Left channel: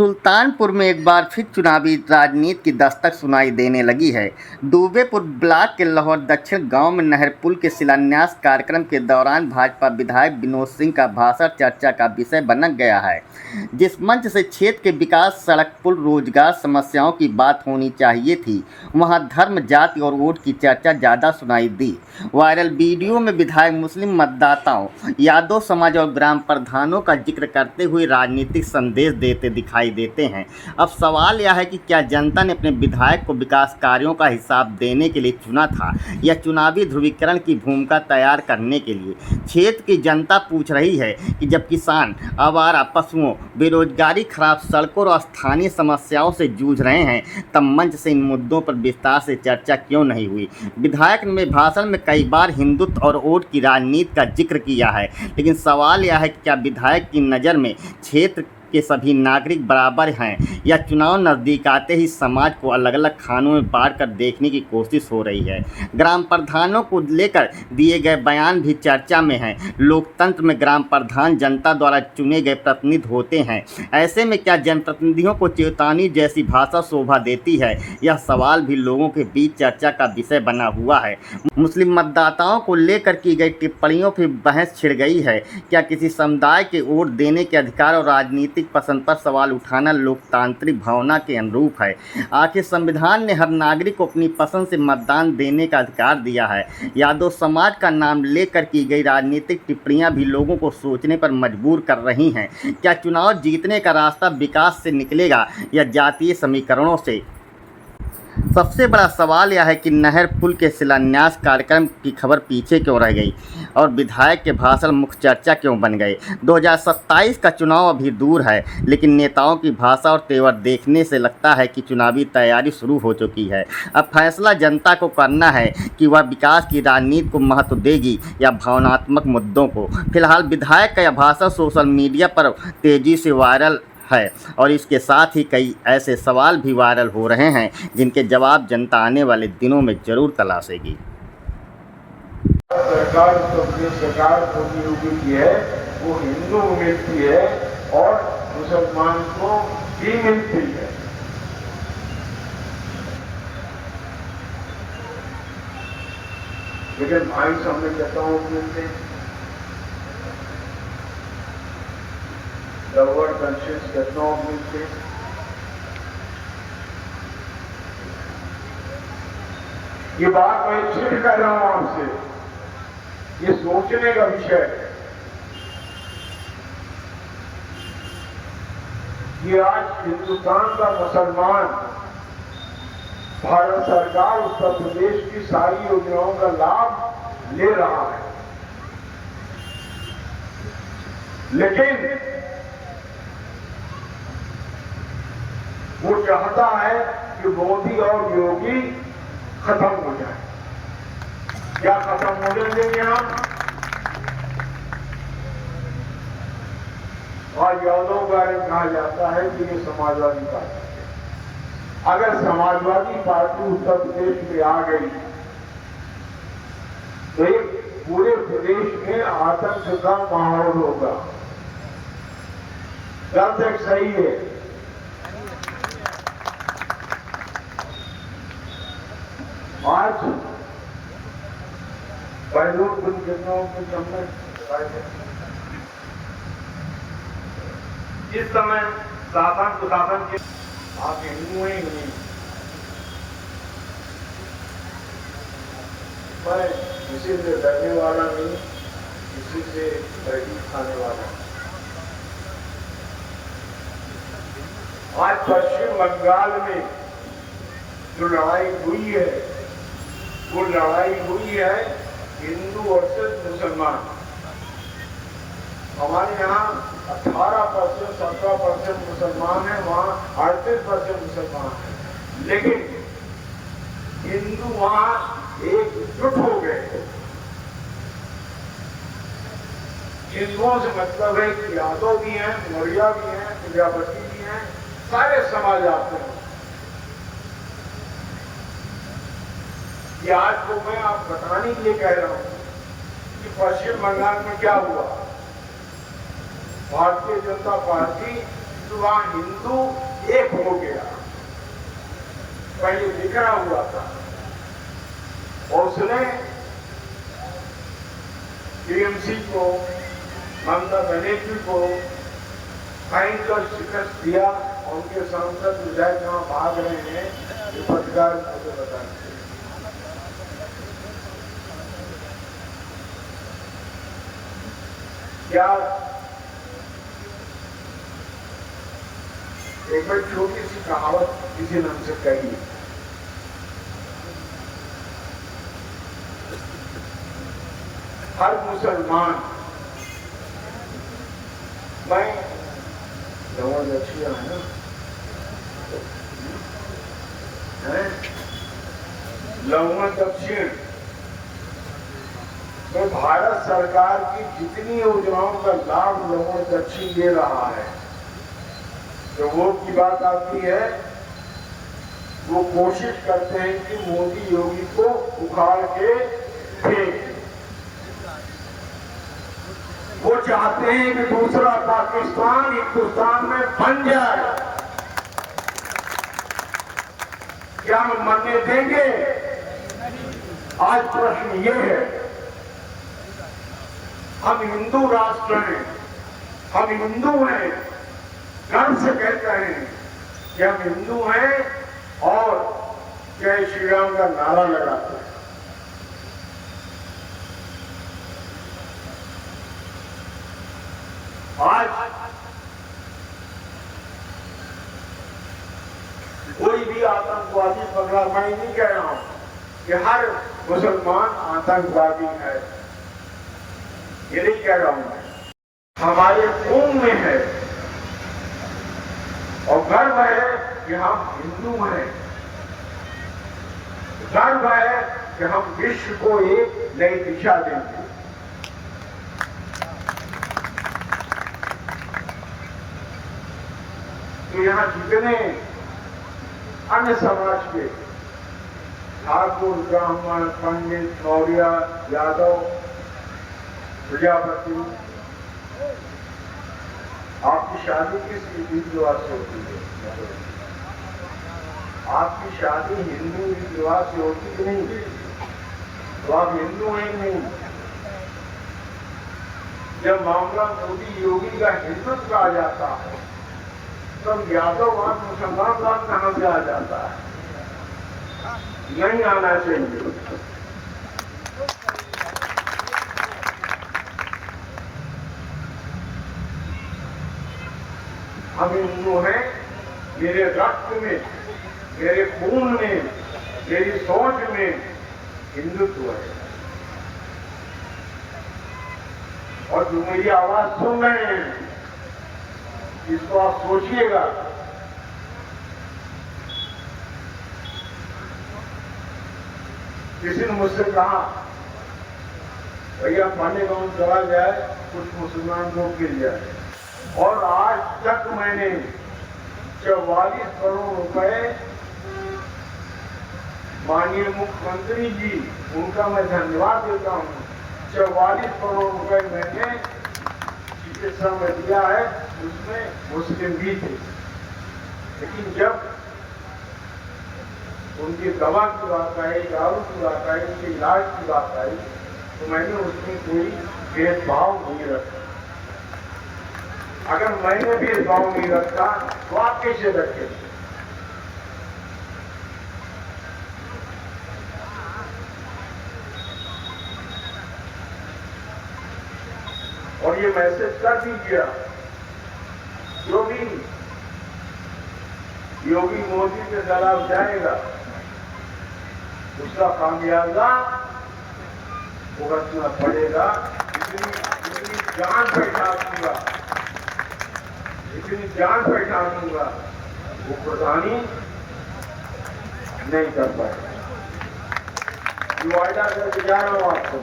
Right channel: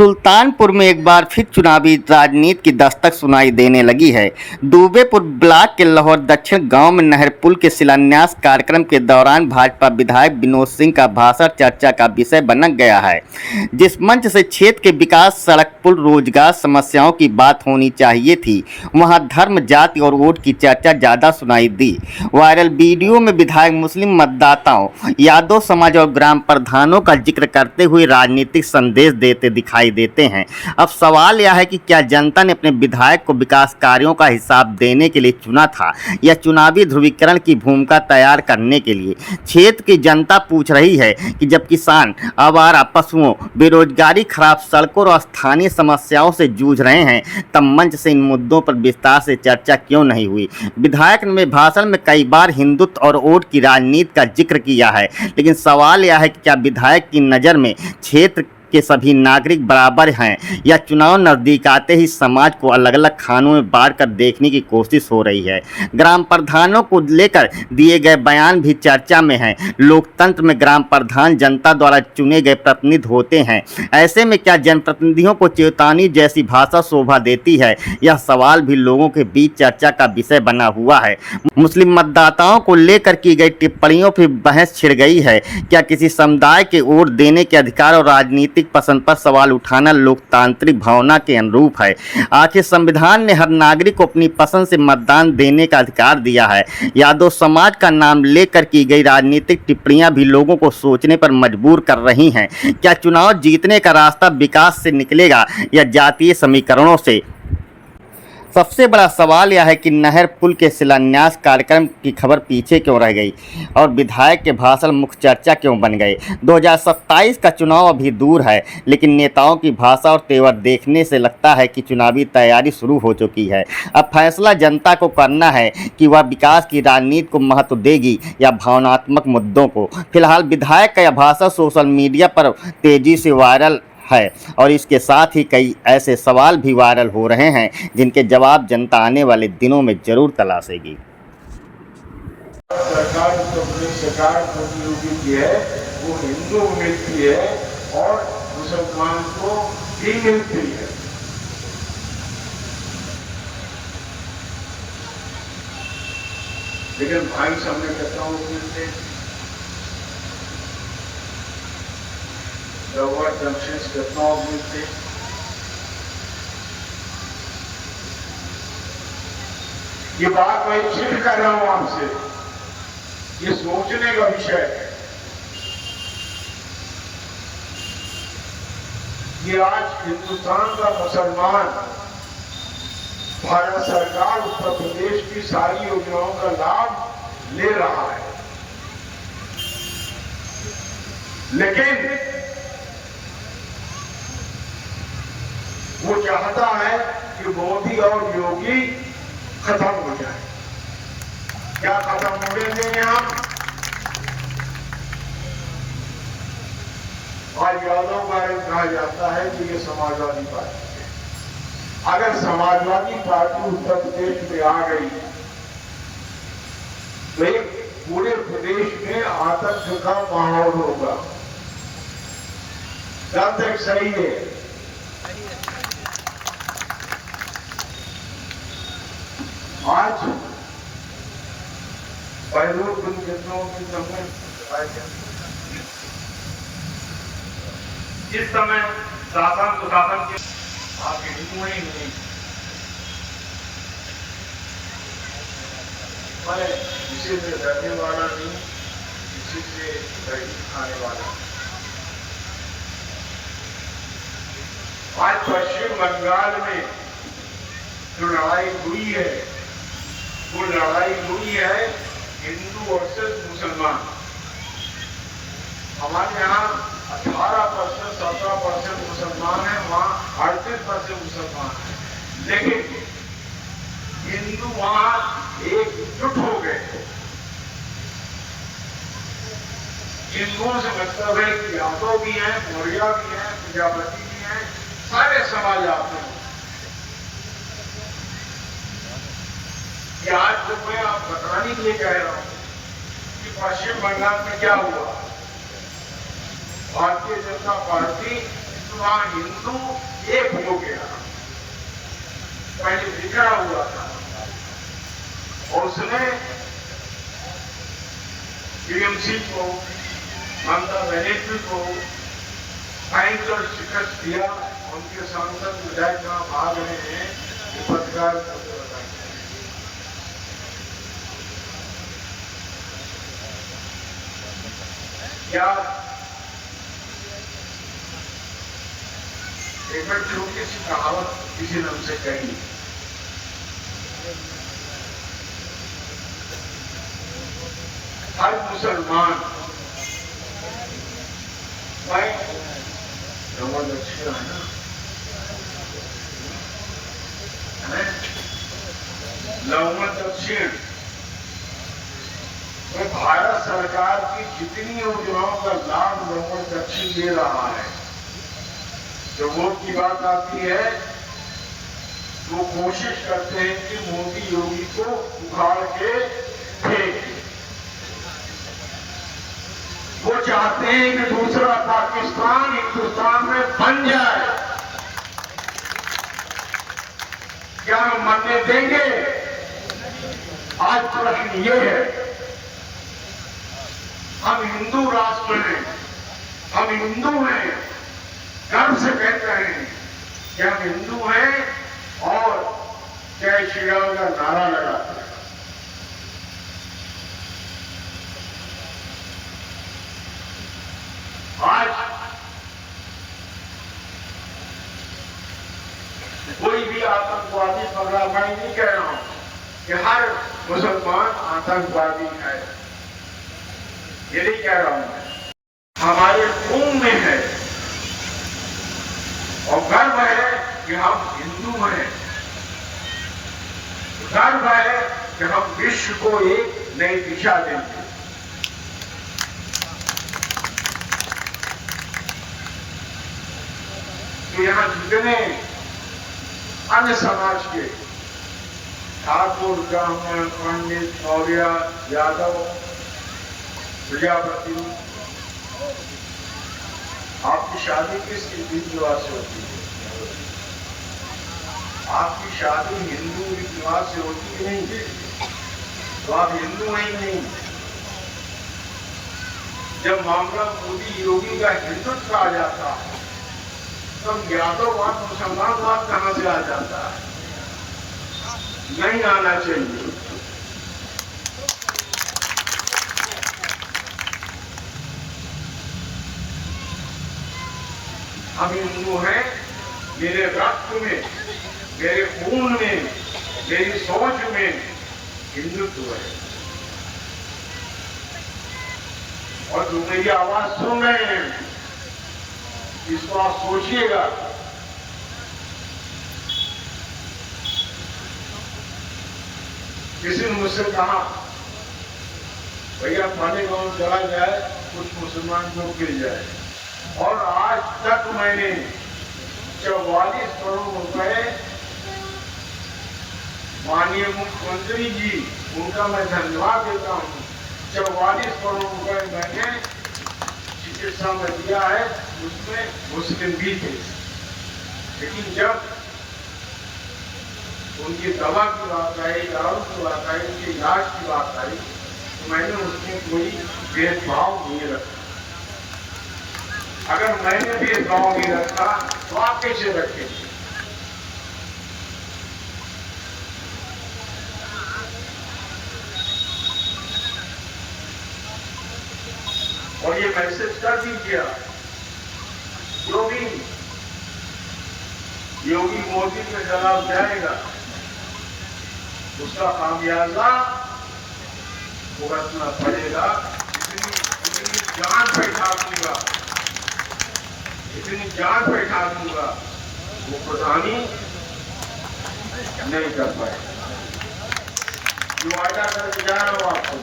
सुल्तानपुर में एक बार फिर चुनावी राजनीति की दस्तक सुनाई देने लगी है। दुबेपुर ब्लॉक के लाहौर दक्षिण गांव में नहर पुल के शिलान्यास कार्यक्रम के दौरान भाजपा विधायक विनोद सिंह का भाषण चर्चा का विषय बन गया है। जिस मंच से क्षेत्र के विकास, सड़क, पुल, रोजगार, समस्याओं की बात होनी चाहिए थी, वहां धर्म, जाति और वोट की चर्चा ज्यादा सुनाई दी। वायरल वीडियो में विधायक मुस्लिम मतदाताओं, यादव समाज और ग्राम प्रधानों का जिक्र करते हुए राजनीतिक संदेश देते दिखाई देते हैं। अब सवाल यह है कि क्या जनता ने अपने विधायक को विकास कार्यों का हिसाब देने के लिए चुना था या चुनावी ध्रुवीकरण की भूमिका तैयार करने के लिए। क्षेत्र की जनता पूछ रही है कि जब किसान, आवारा पशुओं, बेरोजगारी, खराब सड़कों और स्थानीय समस्याओं से जूझ रहे हैं, तब मंच से इन मुद्दों पर विस्तार से चर्चा क्यों नहीं हुई। विधायक ने भाषण में कई बार हिंदुत्व और वोट की राजनीति का जिक्र किया है, लेकिन सवाल यह है कि क्या विधायक की नज़र में क्षेत्र के सभी नागरिक बराबर हैं या चुनाव नज़दीक आते ही समाज को अलग अलग खानों में बांट कर देखने की कोशिश हो रही है। ग्राम प्रधानों को लेकर दिए गए बयान भी चर्चा में हैं। लोकतंत्र में ग्राम प्रधान जनता द्वारा चुने गए प्रतिनिधि होते हैं। ऐसे में क्या जनप्रतिनिधियों को चेतावनी जैसी भाषा शोभा देती है? यह सवाल भी लोगों के बीच चर्चा का विषय बना हुआ है। मुस्लिम मतदाताओं को लेकर की गई टिप्पणियों पर बहस छिड़ गई है। क्या किसी समुदाय के वोट देने के अधिकार और राजनीतिक पसंद पर सवाल उठाना लोकतांत्रिक भावना के अनुरूप है? आखिर संविधान ने हर नागरिक को अपनी पसंद से मतदान देने का अधिकार दिया है। यादव समाज का नाम लेकर की गई राजनीतिक टिप्पणियां भी लोगों को सोचने पर मजबूर कर रही हैं। क्या चुनाव जीतने का रास्ता विकास से निकलेगा या जातीय समीकरणों से? सबसे बड़ा सवाल यह है कि नहर पुल के शिलान्यास कार्यक्रम की खबर पीछे क्यों रह गई और विधायक के भाषण मुख्य चर्चा क्यों बन गए। 2027 का चुनाव अभी दूर है, लेकिन नेताओं की भाषा और तेवर देखने से लगता है कि चुनावी तैयारी शुरू हो चुकी है। अब फैसला जनता को करना है कि वह विकास की राजनीति को महत्व देगी या भावनात्मक मुद्दों को। फिलहाल विधायक का यह भाषण सोशल मीडिया पर तेजी से वायरल है और इसके साथ ही कई ऐसे सवाल भी वायरल हो रहे हैं जिनके जवाब जनता आने वाले दिनों में जरूर तलाशेगी। सरकार की है, वो हिंदू मिलती है और मुसलमान को भी मिलती है। लेकिन भाई सामने कहता हूँ मिलते हैं, लोअर जंक्शन कितना मिलते। ये बात मैं इसलिए कर रहा हूं आपसे, ये सोचने का विषय है। ये आज हिंदुस्तान का मुसलमान भारत सरकार उत्तर प्रदेश की सारी योजनाओं का लाभ ले रहा है, लेकिन वो चाहता है कि मोदी और योगी खत्म हो जाए। क्या खत्म होने देंगे हम? आज यादव बारे में कहा जाता है कि ये समाजवादी पार्टी है। अगर समाजवादी पार्टी उत्तर प्रदेश में आ गई तो एक पूरे प्रदेश में आतंक का माहौल होगा। गलत एक सही है। आज पहले दिन कितनों की हमने जिस समय शासन सुशासन के आप हिंदू ही नहीं, मैं किसी से डरने वाला नहीं, किसी से बैठी खाने वाला। आज पश्चिम बंगाल में जो लड़ाई हुई है, वो लड़ाई हुई है हिंदू वर्सेस मुसलमान। हमारे यहाँ 18%, 17% मुसलमान है, वहाँ 38% मुसलमान है, लेकिन हिंदू वहाँ एकजुट हो गए। हिंदुओं से मतलब है कि यादव भी हैं, मौर्य भी हैं, प्रजापति भी हैं, सारे समाज आते हैं। ये आज तो मैं आप बताने के लिए कह रहा हूं कि पश्चिम बंगाल में क्या हुआ। भारतीय जनता पार्टी तो वहां हिंदू एक हो गया, पहले बिखरा हुआ था और उसने टीएमसी को, ममता बनर्जी को भयंकर शिकस्त दिया। उनके सांसद विधायक कहां भाग रहे हैं, ये पत्रकार मुझे बताएं। क्या एक बार छोटी सी कहावत किसी ने हमसे कही, हर मुसलमान मैं दक्षिण है ना, लवण दक्षिण तो भारत सरकार की जितनी योजनाओं का लाभ लवण दक्षिण दे रहा है, जब वोट की बात आती है वो कोशिश करते हैं कि मोदी योगी को उखाड़ के फेंक। वो चाहते हैं कि दूसरा पाकिस्तान हिंदुस्तान में बन जाए। क्या हम मरने देंगे? आज प्रश्न ये है, हम हिंदू राष्ट्र हैं, हम हिंदू हैं, गर्व से कहते हैं कि हम हिंदू हैं और जय श्री राम का नारा लगाते हैं। आज कोई भी आतंकवादी पकड़ा, मैं नहीं कह रहा हूं कि हर मुसलमान आतंकवादी है, ये नहीं कह रहा हूं, हमारे खून में है और गर्व है कि हम हिंदू हैं, गर्व है कि हम विश्व को एक नई दिशा देंगे। तो यहां जितने अन्य समाज के ठाकुर, ब्राह्मण, पंडित, मौर्य, यादव, प्रजापति, आपकी शादी किस रीति रिवाज से होती है? आपकी शादी हिंदू रीति रिवाज से होती कि नहीं? तो आप हिंदू हैं ही नहीं। जब मामला मोदी योगी का हिंदुत्व आ जाता है तो यादववाद, मुसलमानवाद कहां से आ जाता है? नहीं आना चाहिए। हम हिंदू हैं, मेरे रक्त में, मेरे खून में, मेरी सोच में हिंदुत्व है। और जो मेरी आवाज सुन रहे हैं, इसको आप सोचिएगा। किसी ने मुझसे कहा, भैया पानी का चला जाए, कुछ मुसलमान वोट गिर जाए, और आज तक मैंने 44 करोड़ रुपए माननीय मुख्यमंत्री जी, उनका मैं धन्यवाद देता हूं, 44 करोड़ रुपए मैंने चिकित्सा में दिया है, उसमें मुस्लिम भी थे। लेकिन जब उनकी दवा की बात आई, दारू की बात आई, उनके इलाज की बात आई, तो मैंने उसमें कोई भेदभाव नहीं रखा। अगर मैंने भेदभाव नहीं रखा तो आप कैसे रखेंगे? और ये मैसेज कर दीजिए, जो भी योगी मोदी के खिलाफ जाएगा उसका खामियाजा भुगतना पड़ेगा। इतनी जान बैठा दूंगा, इतनी जान बैठा दूंगा, वो प्रधानी नहीं कर पाएगा। जो वायदा करके जा रहा हूं आपको,